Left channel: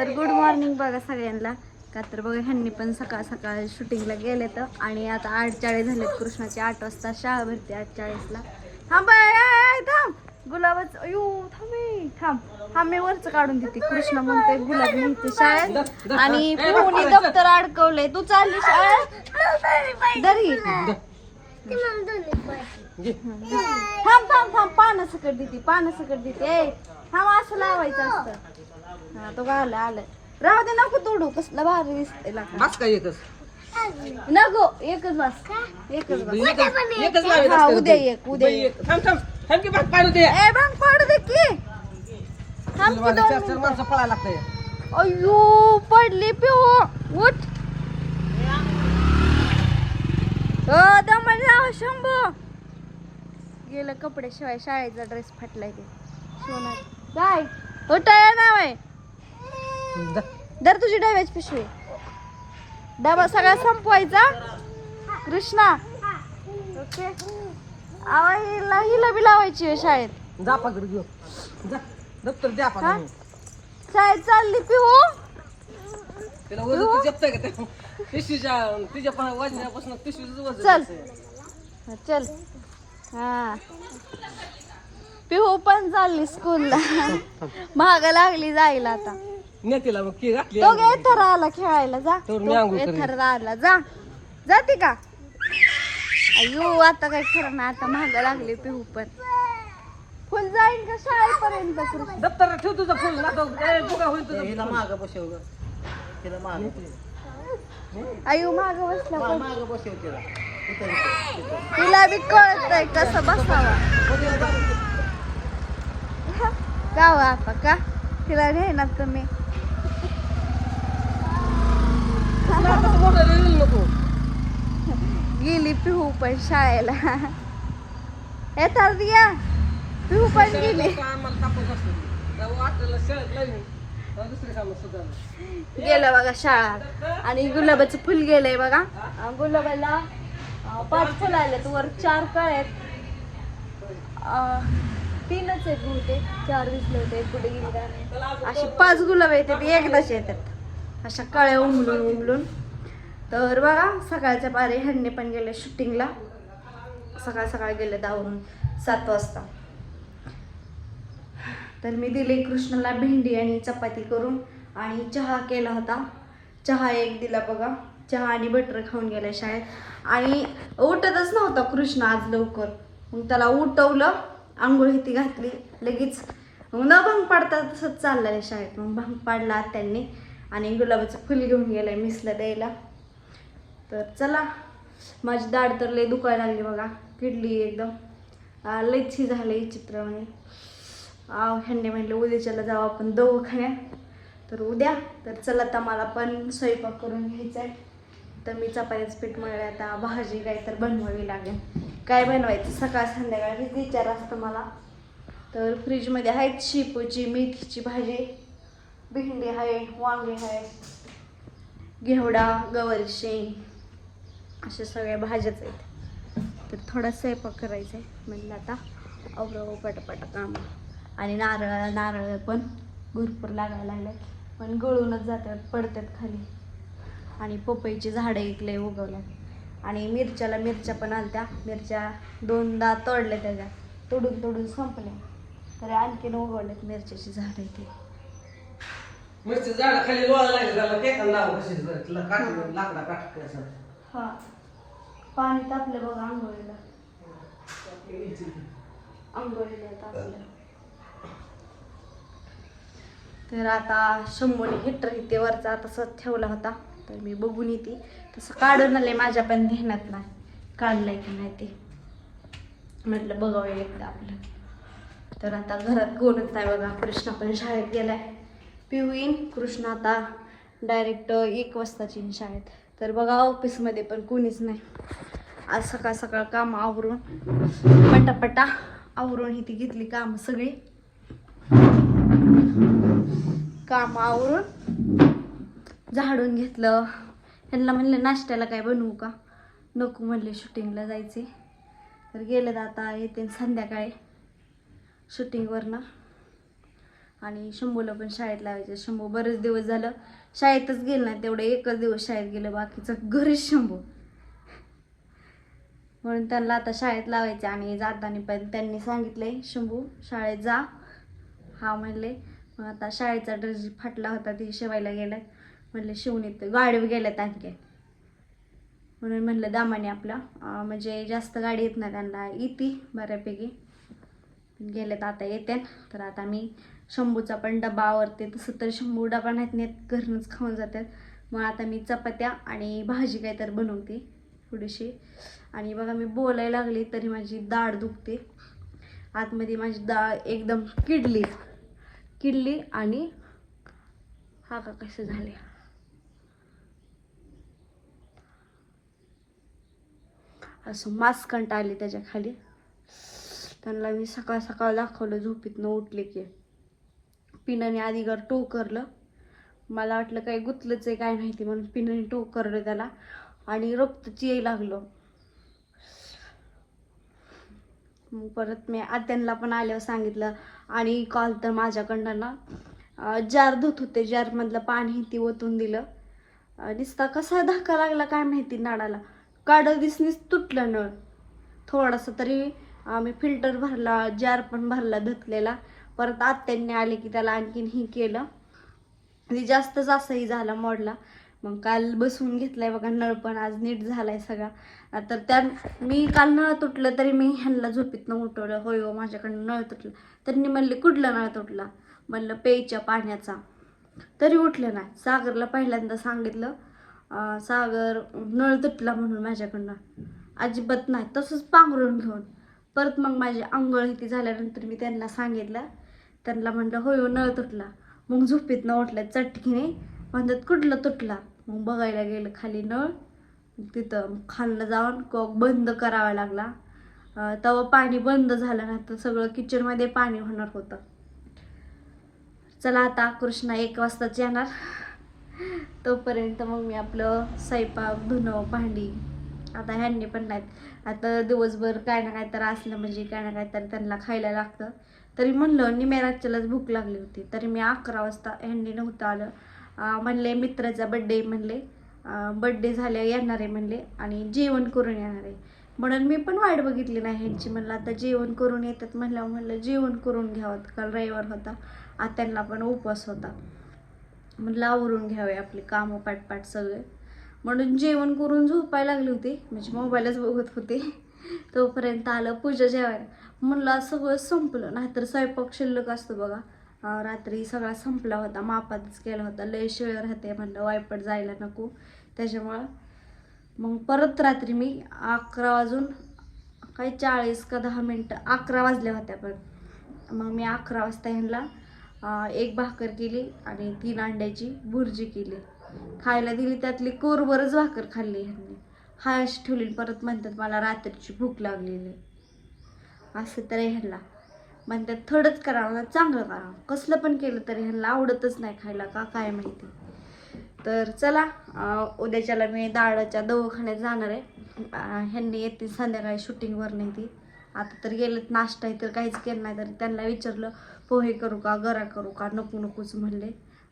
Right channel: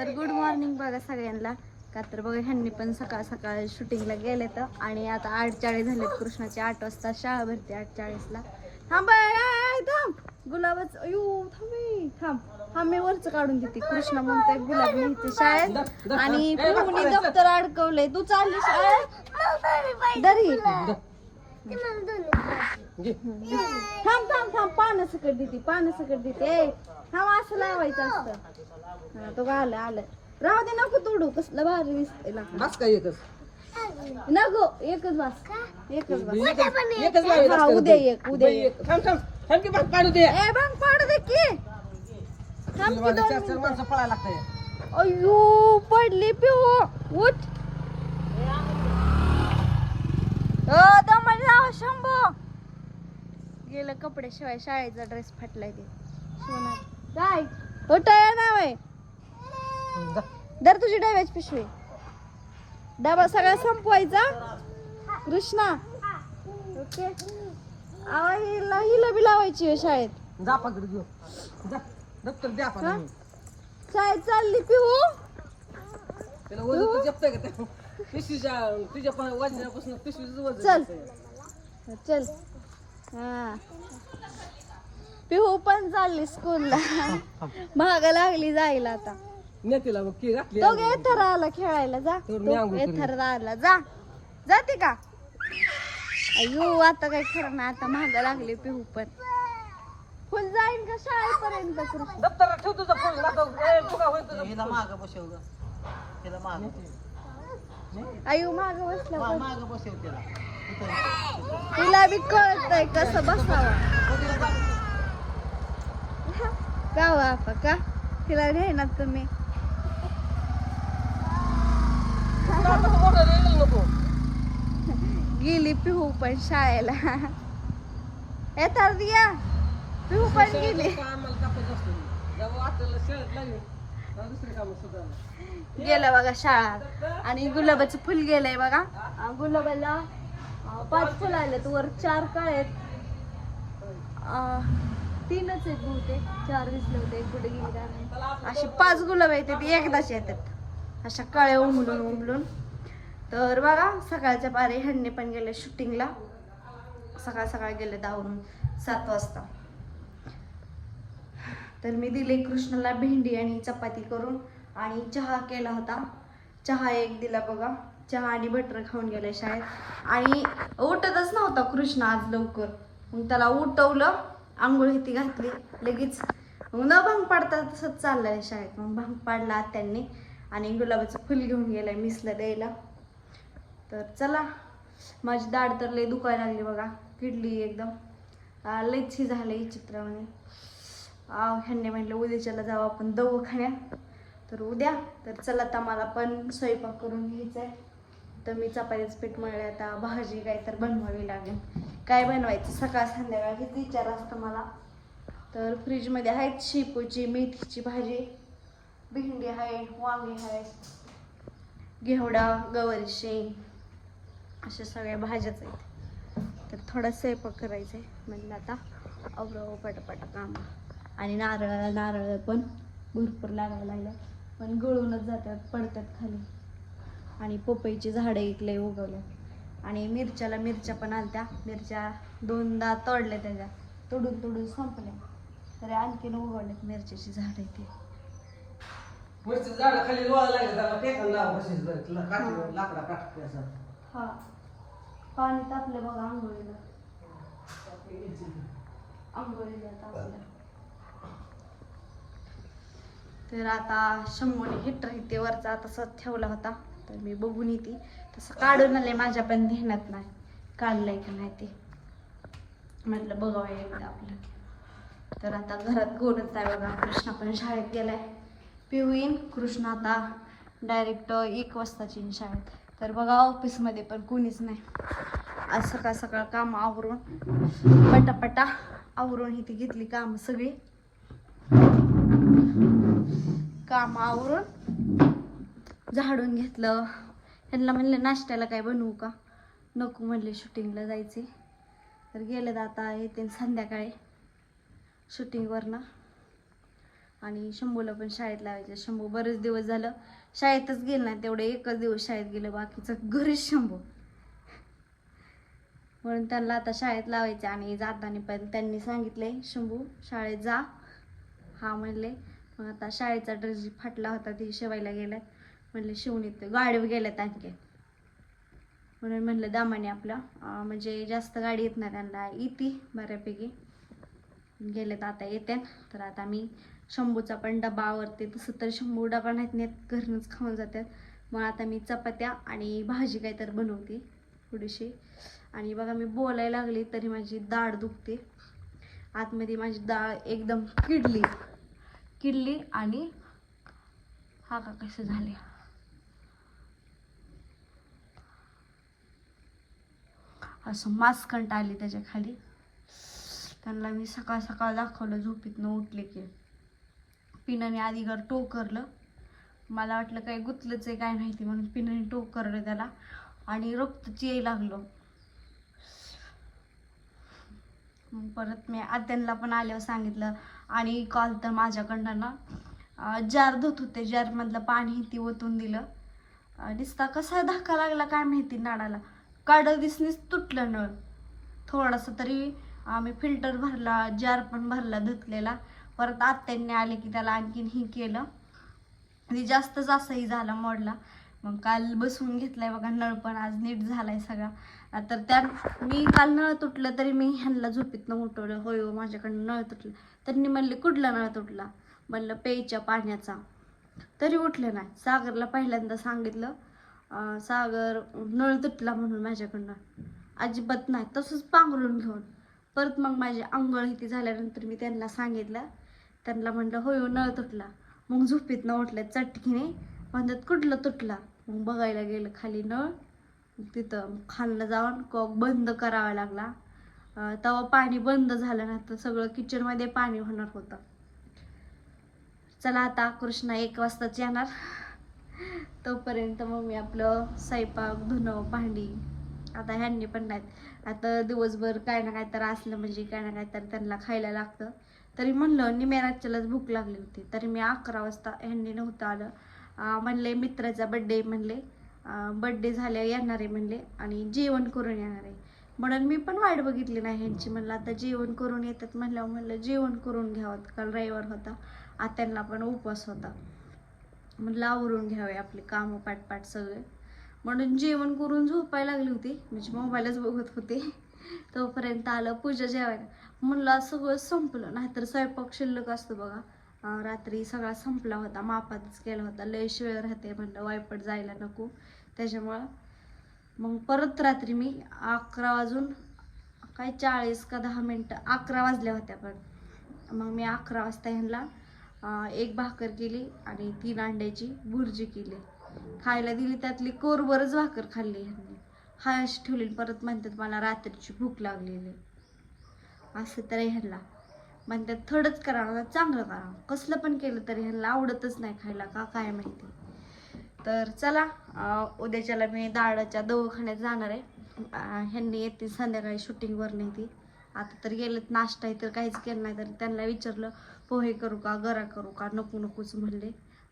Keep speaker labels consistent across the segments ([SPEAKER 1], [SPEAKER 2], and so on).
[SPEAKER 1] तर good morning बघा सगळ्यांना. का तर बघा ह्यांनी पण सकाळ सकाळ शूटिंगला गेले तर आणि आता आठ चाळीस झाले कृष्णाची आठ वाजता शाळा भरते आठ चाळीसला थांब थांब. गुलाबच अयो थांब थांब. थांब मी वरच काढून देते. कृष्ण म्हणतोय गुलाब म्हणते शाळेत. आणि पिऊनी दप्तर अडकवले तू चालली शाळेत? दरी. थांब थांब थांब. पानं सकट देते पानं सकट देते. थांब असं लावायचं असतं. तो आलं आलं राहू दे नको तोडू कसलं भारी दिसते
[SPEAKER 2] बस काय एकच?
[SPEAKER 1] नको एकच बस. एकच बस.
[SPEAKER 2] एकच एकच लावीत असते
[SPEAKER 1] उद्या एक. उद्या
[SPEAKER 2] बाई,
[SPEAKER 1] एक.
[SPEAKER 2] एक. थांब थांब. थांब की बस पाडू दे.
[SPEAKER 1] ए भांग पाडू दे की. थांब की
[SPEAKER 2] तुला
[SPEAKER 1] दोन
[SPEAKER 2] चार चार माणसं पळायला लागतंय.
[SPEAKER 1] मिनिटं. अय्यो पडली पिऊ. उठ. अ, दमन लाव शंभू. गेलं कपडे शिवाय शाळेचा ड्रेस फाटलाय. काय होता नाव आहे.
[SPEAKER 2] जा.
[SPEAKER 1] दर तुझी डब्याची पिशवी. डबा सगळा संपवायचा. कृष्णा. ओके आवा हिला हिला बी लावायची आहे शाळेत.
[SPEAKER 2] जा पाकड घेऊ. जा. दप्तर द्या
[SPEAKER 1] हा?
[SPEAKER 2] पाकड
[SPEAKER 1] शाळेत चालली पिऊ
[SPEAKER 2] तिला वजन तू जपताय का त्या? पिशवीच्या तुझ्या पण वजनापासून पिशवीचं वजन
[SPEAKER 1] चल. हा पिहू पण चालली स्कूलला महाग लागली जायला आता.
[SPEAKER 2] नेतेला मग की घातली
[SPEAKER 1] तो एथर आला खेळायला जा.
[SPEAKER 2] तर मी आंघोळ करीन.
[SPEAKER 1] एथर आला जा. जाते का? अयो आता काय खरं ना आता महाग लागली पिहू पण फुल जाईल का शाळेपर्यंत कृष्ण?
[SPEAKER 2] दप्तर ठेव तुझं फोन आता बघा होईल तुझं?
[SPEAKER 3] हिला माग बसवलं तिला माग
[SPEAKER 1] अयो माग बसला पण.
[SPEAKER 3] माग बसव तिला. तिथं.
[SPEAKER 1] तिला बी कळत नाही कसं बसावं. गावा आता का? तिला नेणार तुम्ही
[SPEAKER 2] आता पुढं येईल नको
[SPEAKER 1] गेली पिहू पण शाळेला. येतात दिया पिहू पण गेली. गेलं बघा शाळा. आणि गुलाबाचं फुल गेलंय बघा. गुलाबाला पाच फुलं आलेत वर चार कळ आहेत. तीनच आहेत बहुतेक. चार दिसले होते. कुठे गेली. असे पाच गुलाब येतात एकदाच येतात. अशा कळ्या उमलून उमलून. तर बघा सकाळच्या पारी ह्यांनी पण गेले शूटिंगला सकाळ सकाळ गेले दावरून सात वाजता. तर मी दिली कृष्णाला भेंडी आणि चपाती करून आणि चहा केला होता. चहा एक दिला बघा. चहा आणि बटर खाऊन गेल्या शाळेत. आणि उठतच नव्हता कृष्ण आज लवकर. मग त्याला उठवलं आंघोळ ती घातली लगेच मग न भांग पाडता तसंच चाललंय शाळेत. मग भांग पाडला त्यांनी आणि गुलाबाचं फुल घेऊन गेलाय मिसला द्यायला. तर चला माझी दाढ तर लई दुखायला लागली बघा किडली एकदम. आ, लयच ही चित्र म्हणे आव ह्यांनी म्हटलं उद्याच्याला जाऊ आपण दवाखान्यात. तर उद्या तर चला आता मला पण स्वयंपाक करून घ्यायचा आहे तर मी चपातीचं पीठ मळले आता भाजी काय तर बनवावी लागेल. काय बनवायचं? सकाळ संध्याकाळ हेच विचार असतं मला. तर फ्रीजमध्ये आहेत शेपूची मेथीची भाजी भेंडी आहे वांगे आहेत घेवडा गवारी शेंग. अशा सगळ्या भाज्याच आहेत. तर थोडा स्वयंपाक करायचा आहे म्हणलं आता अवरव हो पटापटा काम. आणि नारळ नारळ पण भरपूर लागायला लागले पण गळूनच जातात पडतात खाली. आणि पपईची झाडं इकले उगवल्यात. आणि मिरच्याला मिरच्या पण आलत्या मिरच्या दोनदा तोडल्या त्याच्या. तोडून तोडून संपल्या. तर आणखीन उगवल्यात मिरच्याची झाडं इथे.
[SPEAKER 2] मिरची झाड खाली लोळा
[SPEAKER 1] हा पाणी तापलं बघ आंघोळीला. आंघोळीला तापलं तर आता शंभूने हिटर इथे वरचा तसंच ठेवला होता. तर मी बघून येते. तसं काढून आले माझ्या पण ध्यानात नाही. काढलंय की नाही ते. म्हटलं बघावं एकदा आपलं. तर आता घरात कोणच नाही बघा. कृष्णा पण शाळेत गेलाय. पिऊ येईन कृष्ण आता डायरेक्ट एक वाजताची शाळेत. तर बघा ऑफिसमध्ये पण कोणीच नाही. आज सकाळ सकाळ काम आवरून पटापटा आवरून ही ती घेतली कामं सगळी. काम आवरून झाडून घेतलं. त्यांना म्हणलं नाश्त्याला काय बनवू का? नको म्हणले शूटिंगला जायचे. तर गेलेत आता येते संध्याकाळी शूटिंगवरनं. आणि शंभूला पण शाळेत लावायचं. शंभू बरेच दिवस झालं शाळेतच गेलं नाही तेवढे एकच दिवस शाळेत गेलं बाकीचं घरीच शंभू. म्हणून त्यांना आता शाळेत लावायचे आणि जाताना पण त्यांनी सांगितलंय शंभू शाळेत जा. हा म्हणले. मग आता शाळेचा ड्रेस फाटला होता ती शिवायला गेलाय म्हणले शिवून येते गाडीवर गेल्यात आणखी म्हणून म्हणलं दामाने आपला म्हणजे जास्त गाडी येत नाही त्यांना. येते बऱ्यापैकी. गेलेत आता येते तर आता मी शंभूचा पण डबा आवरते तसं तर शंभू डबा नाहीत नाहीत घरूनच खाऊन जातात. मग आता मी चपात्या आणि भाजी काहीतरी बनवते थोडीशी. आणि बघा मी बोलायला लागली तरी माझी दाढ दुखते. आतमध्ये माझी डाळ एकदम किडली. किडली आणि हा का कसं झाले असं मास्कंट आले त्याच्याखाली त्यांना मी सकाळ सकाळ दाखवलं झोपीतनं उठले की. पिनाने आधी घर टोकरलं. मला वाटलं काही गुतलंच आहे काय माहिती म्हणून पिनाने टोकरलं त्याला आणि रक्तच यायला लागलं. मग परत मी आत्यांना पण आल्यावर सांगितलं आणि काल तर माझ्याकडनं ना जार धुत होते. जारमधलं पाणी ती ओतून दिलं. दिसता कसा धक्का लागला काय माहिती नाडाला काढ दिसनीच तुटलं नळ. थोडासा तरी आम्ही फिल्टर भरला जार पण भरला धुतलेला. परत आत्यांनी आले की त्याला आणखीन ही केलं. आणि जास्तच असंही झाला मोडला. मग काल बसवून घेतलाय बघा नळ पण आज नीट झालाय सगळा. तर त्या मी काल नळ तुटलं तरी मी ह्यांना झोपीतनं उठवलं. होय हो माझ्याकडनं नळ तुटलं. त्यांनी म्हणले कुठला नळ तुटला? म्हणलं पेच्या पाण्याचा. तरी उठलं नाही. सागरला पहिल्यांदा सांगितलं सागर नळ तुटला म्हणून माझ्याकडनं. अजिबात नाही. तसंच पांघरून घेऊन. परत मग माझी आंघोळ इथे झाल्यानंतर मी त्यांना सांगितलं त्यांना म्हणलं होय हो नळ तुटला. मग झोपेतनं उठल्या चटकीने म्हणतात कुठलं तुटला? मग बघायला गेलं खाली नळ. तिथं खाल्लं जाऊन कॉक बंद करावा लागला. तेव्हा पाणी बंद झालं नाही तर सगळं किचनमध्ये पाणी होणार होतं. चला आता कृष्णा एक वाजताच येणार. तोपर्यंत मग मी आपलं स्वयंपाक धुणं भांडी आता ह्यांनी पण नाहीत. आता दिवसभर काय ना काय तर असलं म्हणजे काय ना काय तर त्यांना खायला लागतं. तरी म्हणलं निमेराच्यालाच भूक लागली होती. तरी मी अकरा वाजता ह्यांनी नव्हतं आलं. म्हणले मित्राचा बड्डे म्हणले. बड्डे झाले येणार आहे म्हणले आणि जेवण करून येणार आहे. म्हणून मी पण वाट बघितली नाही ह्यांची. म्हणलं आता जेवण करून येतात म्हणल्यावर म्हणलं जेवण करून घ्यावं. काल रविवार होता. आत्यांना पण उपवास होता. म्हणलं आवरून घ्यावे आपले कामं पाठपाठ सगळे. म्हणून जेवण करून झोपायला लागली होती. म्हणजे मोबाईलच बघत होते. तोपर्यंत आलं पूजा जेवायला. म्हणलं सगळं संपलं. नाहीतर स्वयंपाक शिल्लक असतो बघा. रात्री सगळा संपला होता. मापातच केला होता. लय वेळ राहते म्हणलं वायपट जायला नको. त्याच्यामुळं मग परत रात्री मी अकरा वाजून काय चाळीस का दहा मिनटं अकरा वाजल्या होत्या पण. मग मी अकरा वाजता ह्यांना एक भाकर केली आणि तीन अंड्याची भुर्जी केली. खायला दिली त्यातली कोरभरच भाकर खाल्ली ह्यांनी. हायश ठेवली परत म्हणतात मला रात्रीची भूक लागलेली. आहे. असं तर ह्याला. म्हणतात थोडंच करावं ना चांगलं करावं कसलं पण केलं तरी ह्याला आवडतच नाही खायला का काय माहिती. तर चला उद्याच्याला मी दाडाच्या दवाखान्यात जाणार आहे. ह्यांनी येते संध्याकाळी शूटिंगवर नाही ती आता तर गेलेत नाश्ता तर काहीच केलं नाही तर त्यांना विचारलं पोहे करू का गरा करू का नको नकोच म्हणले.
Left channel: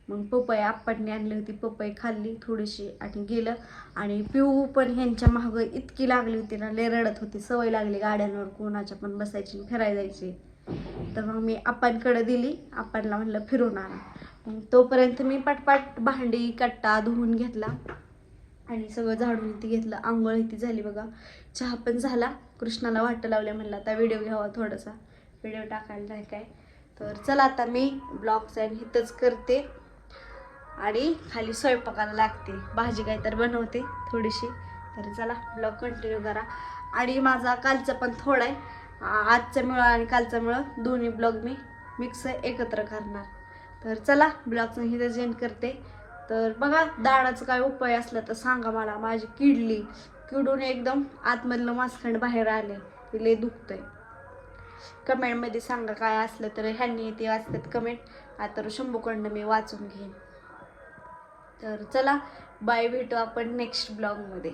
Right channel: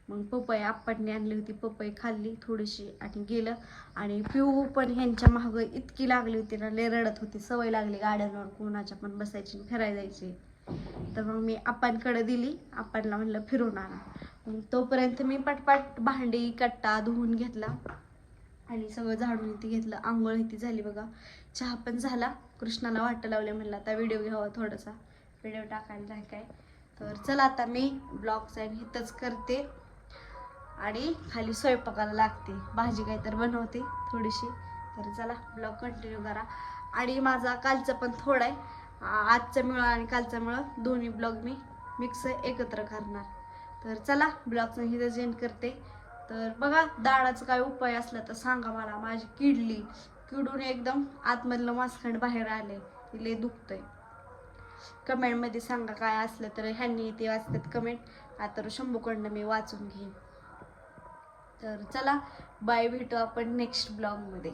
[SPEAKER 1] मग पपई आप्पांनी आणली होती पपई खाल्ली थोडीशी आणि गेलं. आणि पिऊ पण ह्यांच्या मागं इतकी लागली होती ना लय रडत होती. सवय लागली गाड्यांवर कोणाच्या पण बसायची आणि फिरायला जायची. तर मग मी आप्पांकडे दिली. आप्पांना म्हणलं फिरून आणा. मग तोपर्यंत मी पटपट भांडी कट्टा धुवून घेतला. आणि सगळं झाडून इथे घेतलं. आंघोळ इथे झाली बघा. चहा पण झाला. कृष्णाला वाट लावल्या म्हणलं आता व्हिडिओ घ्यावा थोडासा. व्हिडिओ टाकायला नाही काय. तर चला आता मी ब्लॉगचा इथंच करते. आणि खाली स्वयंपाकाला लागते. भाजी काही तर बनवते थोडीशी. तर चला ब्लॉग कंटिन्यू करा. आणि माझा कालचं पण थोडा आहे. आजचं आजचा आणि कालचा मिळ. दोन्ही ब्लॉग मी मिक्स एकत्र करणार. तर चला ब्लॉगचं इथं जेंट करते. तर बघा दाडाचा काय उपाय असला तर सांगा मला. माझी किडली किडून एकदम आतमधलं मासखंड बाहेर आले. ते लय दुखतंय. कमेंटमध्ये सांगा काय असलं तर. ह्यांनी ते वाचतात कमेंट आता शंभूकडनं मी वाचून घेईन. तर चला बाय भेटू आपण नेक्स्ट ब्लॉगमध्ये